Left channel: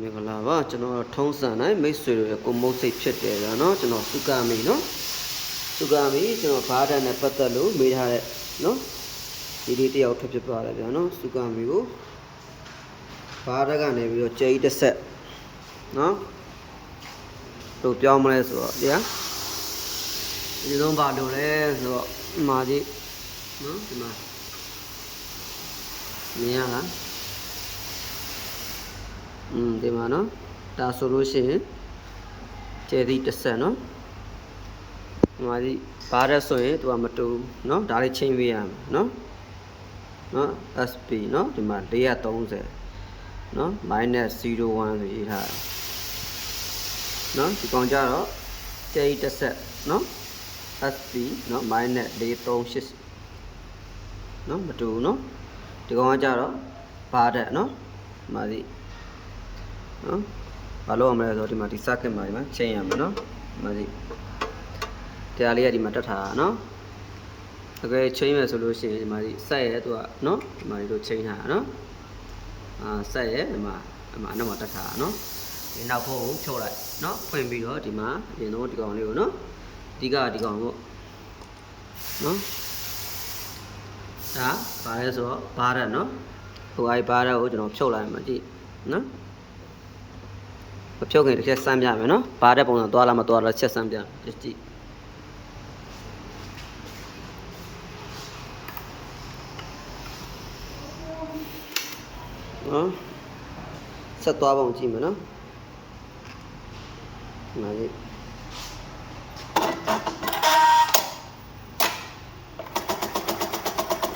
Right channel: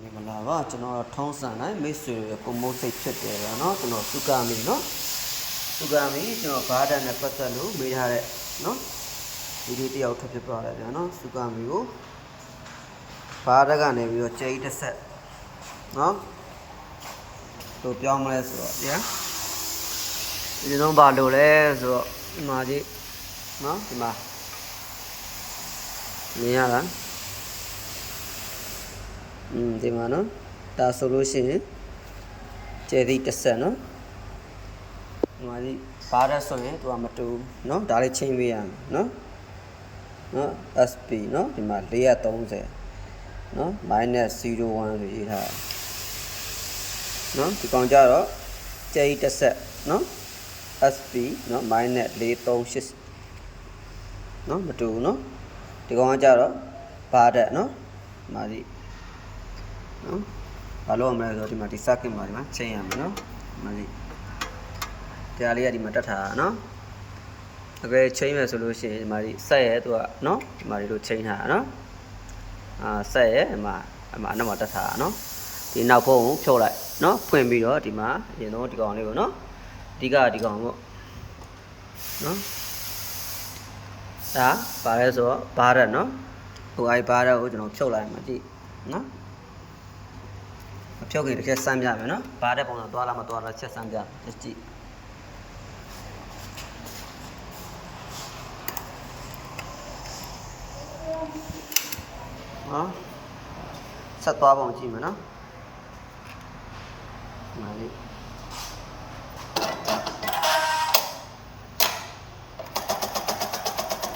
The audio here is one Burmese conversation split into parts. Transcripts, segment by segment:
မင်္ဂလာပါကျွန်တော်ထုံးစံတိုင်းမိတ်ဆွေတို့ရဲ့ကိုမုတ်စိတ်ဖြစ်တယ်ဗျာနော်ကျွန်တော်စုကမီနော်စုကမီကျွန်တော်ဘားတန်နဲ့ပတ်သက်လို့မေးထားတဲ့နော်ဒီလေးတယောက်ထပ်ဖြစ်သွားတယ်ဗျာနော်စုကမီကိုဘားတက်ကနေပြီးတော့ကြိတ်တစ်ဆက်နော်တို့ပြောင်းမလဲဆိုတော့ဗျာဒီလုံးဘာလို့လဲဆိုတော့ဒီမှာကြီးနော်ဒီမှာမြင်ရလားဒီမှာနော်ဒါဆိုလို့ရှိရင်ကျဲသည့်တစ်ဆက်နော်ဒီမှာဒီဘားရက်ဆိုရင်သူကမတူနော်ဒါလေးချိန်ပေးရမယ်နော်နော် SP နော်ဒီမှာ430နော် -01 ဆိုရေးထားတယ်နော်ဒီကောင်ကြတော့ကျဲသည့်တစ်ဆက်နော် SP နော် -438နော်မတူနော်ဒီကောင်ကကြတော့ဘားတက်နော်ဒီမှာဒီနော်ဘာလို့ရမလဲဆိုတော့ဒီမှာဒီ circuit မှာဒီမှာချိန်ရမယ်နော်ဒီမှာဒီတရားလေးကဒီမှာတက်ထားတာနော်အကယ်ချိန်မယ်ဆိုလို့ရှိရင်ဒီမှာဒီဆက်ရဲသူကနော်ဒီမှာဒီလိုချိန်ထားတာနော်ဆက်ရဲဒီမှာအနောက်မှာတက်ထားတာနော်ဒီနောက်ဖုံးကိုဖြုတ်လိုက်နော်ဖွင့်ပြီးတော့ဒီမှာအရင်တော့ဒီကောင်လေးကိုနော်အဓိကဒီကောင်ပေါ့နော်ဒါဘာလဲဆိုတော့ဘားရက်နော်ဟိုအိုက်ဘားရက်ကိုကျွန်တော်ဖြုတ်လိုက်မှာကြည့်နော်မဖြုတ်ခင်တစ်ချက်စမ်းပြမယ်နော်ဘာတဲ့ပုံစံသွားလားမသွားလားချက်စမ်းပြကြည့်နော်ဆက်သွားပုံကြည့်မယ်နော်ငါလေး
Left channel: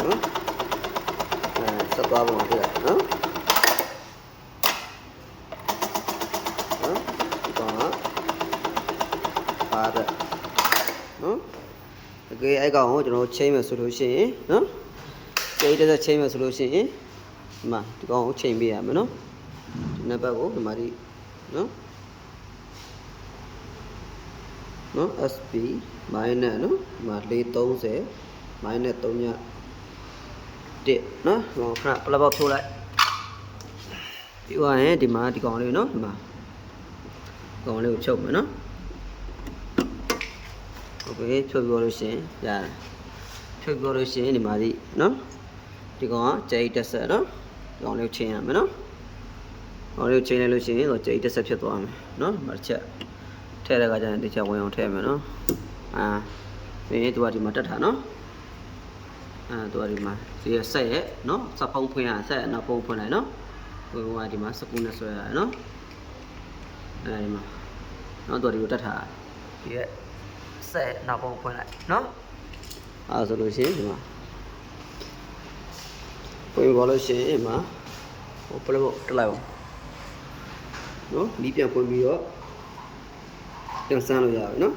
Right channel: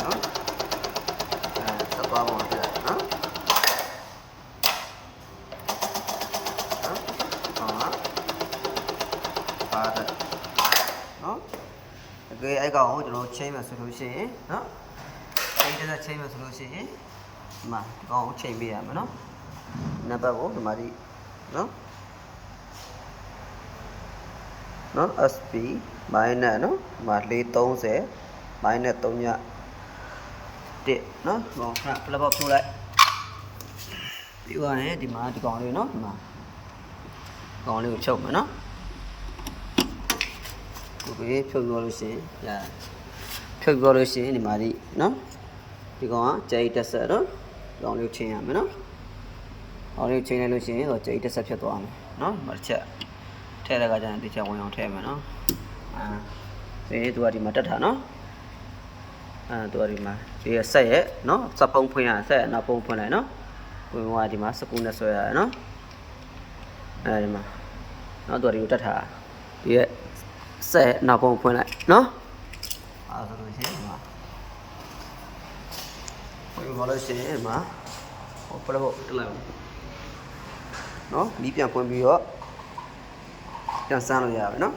နော်ဆက်သွားပုံကြည့်လိုက်နော်ဘာတဲ့နော်အကယ်အဲ့ကောင်ကိုကျွန်တော်ချိန်မယ်ဆိုလို့ရှိရင်နော်ချိန်တစ်ချိန်မယ်ဆိုလို့ရှိရင်ဒီမှာဒီကောင်ကိုချိန်ပေးရမယ်နော်ဒီနံပါတ်ကိုဒီမှာဒီနော် SP မိုင်းနဲ့နော်ဒီမှာ430မိုင်းနဲ့3ည1နော်ဒီကောင်ခဏပလက်ပေါက်ထိုးလိုက်ပြီးသွားရင်ဒီမှာဒီကောင်လေးနော်ဒီမှာကောင်လေးကိုချုပ်မယ်နော်โอเคဖြုတ်ပြောလို့ရှိရင်ဒါဖြုတ်ပြောလို့ရှိရင်ဒီမှာဒီနော်ဒီကောင်ကကြိတ်တက်ဆက်နော်ဒီကောင်လေးကိုချိန်ရမယ်နော်ကောင်လေးကိုချိန်လိုက်လို့ရှိရင်တော့ကြိတ်တက်ဆက်ဖြစ်သွားမယ်နော်ဒီမှာတစ်ချက်ထည့်တဲ့အခါကျရင်တစ်ချက်ဝင်အောင်ထည့်မယ်နော်ပြီးရင်သူကဒီမှာတက်တာနော်သူကဒီမှာဒီဆက်ရဲ့နော်စက်ဖုံးဖွင့်ရဆက်နောက်ဖုံးဖွင့်လိုက်နော်ဝင်ကဒီမှာစကူနဲ့ဆွဲရတယ်နော်ဒီမှာနော်သူကဒီလိုတက်တာဒီရဲ့ဆက်နောက်ပုံဖွင့်လိုက်နော်ဆိုလို့ရှိရင်ဒီမှာဖွင့်ပေါ်လို့ရှိရင်ဒီမှာဟိုပလက်ဖို့တက်လိုက်အောင်နော်မီးပြန်ဖွင့်ပြီးတော့ပြန်ဆန်းလို့ရပါပြီနော်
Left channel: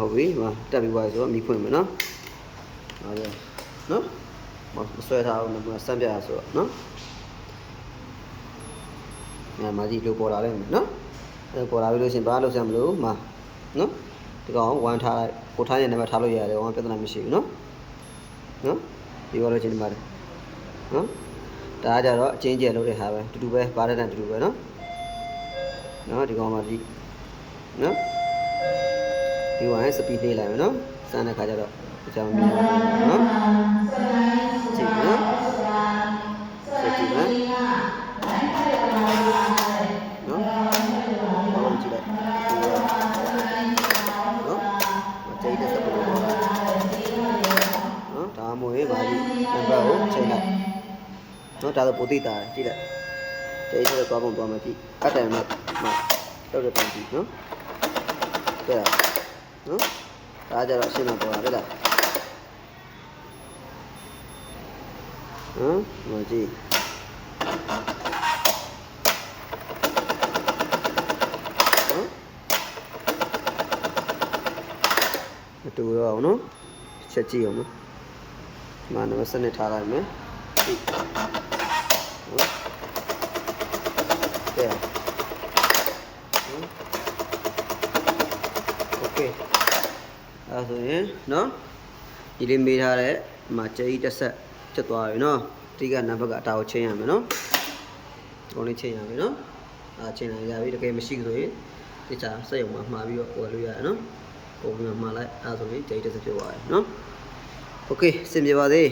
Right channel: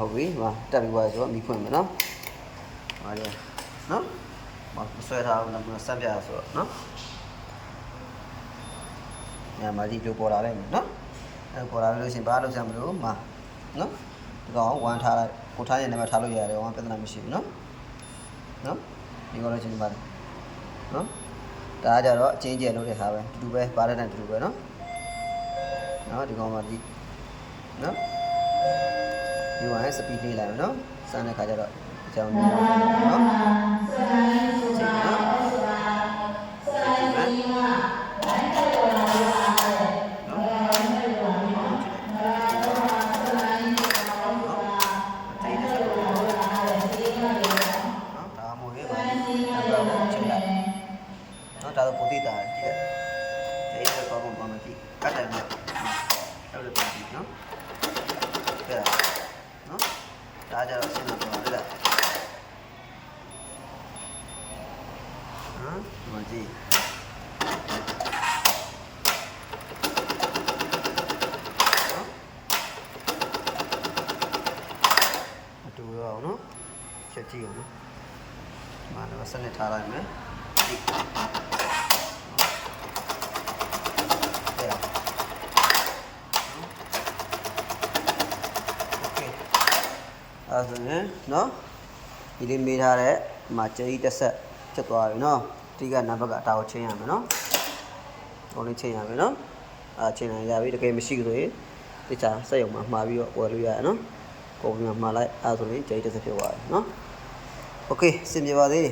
ဟုတ်ပြီဒီမှာတက်ပြီးသွားပြီဆိုတော့မီးဖွင့်မယ်နော်ဟာလေနော်မဆွဲထားဘူးနမဆန်းပြရဆိုတော့နော်မာကြီးလိုပေါ်လာလိုက်မယ်နော်ပေါ်လာပြီလို့ရှိရင်ဘာလုပ်စမ်းမလို့မှာနော်ဒီကောင်ဝမ်းထားလိုက်ကိုထားရင်လည်းထားလို့ရတယ်ဘာမှပြဿနာမရှိဘူးနော်ဒီကောလည်းချင်းဒီမှာနော်ဒါကကြတော့အချင်းကျယ်လုပ်တဲ့ဟာပဲတူတူပဲပါတဲ့နဲ့တူတူပဲနော်ဒီကောင်မှာဒီနော်ဒီဝိုင်းစပီးပေးလိုက်မယ်နော်စမ်းတဲ့ခါကျတော့ဒီကြောင်မြင်နော်ချိန်နော်ချိန်နော်နော်ဒါတော့ပိုသိတာကြည့်လိုက်ကျိတ်တော့သွားပုံသွားမယ်ကြည့်အတ္တနဲ့မှာတော့တဲ့ပုံကြည့်နော်ကဲနော်ဒါကြတော့ရှင်းတော့ပေါ်လာပြီလားမကြည့်မတူတော့ဘူးနော်ချက်ကြည့်အောင်နော်ဒီမှာလည်းစနစ်ထားလိုက်မယ်โอเคအဲ့ဆိုရင်နော်ဒီလေးမေးထားတဲ့မှာကြိတ်တစ်ဆက်ဖြစ်သွားပြီနော်အဓိကနံပါတ်ကအတားကိုချိန်ရမယ်နော်ဒီကောင်လေးချိန်ရမယ်နော် ချိန်နိုင်ရပြီတကယ်မရှိဆိုရင်ဒီချာစက်ရုံမှာမှာပြီးတော့ဝယ်လို့ရတယ်နော်ကုန်ပြီးမှမှာလိုက်အဲ့ဆိုရင်ကြိတ်တစ်စက်ဖြစ်သွားတယ်နော်โอเคစင်ပြေပါသေး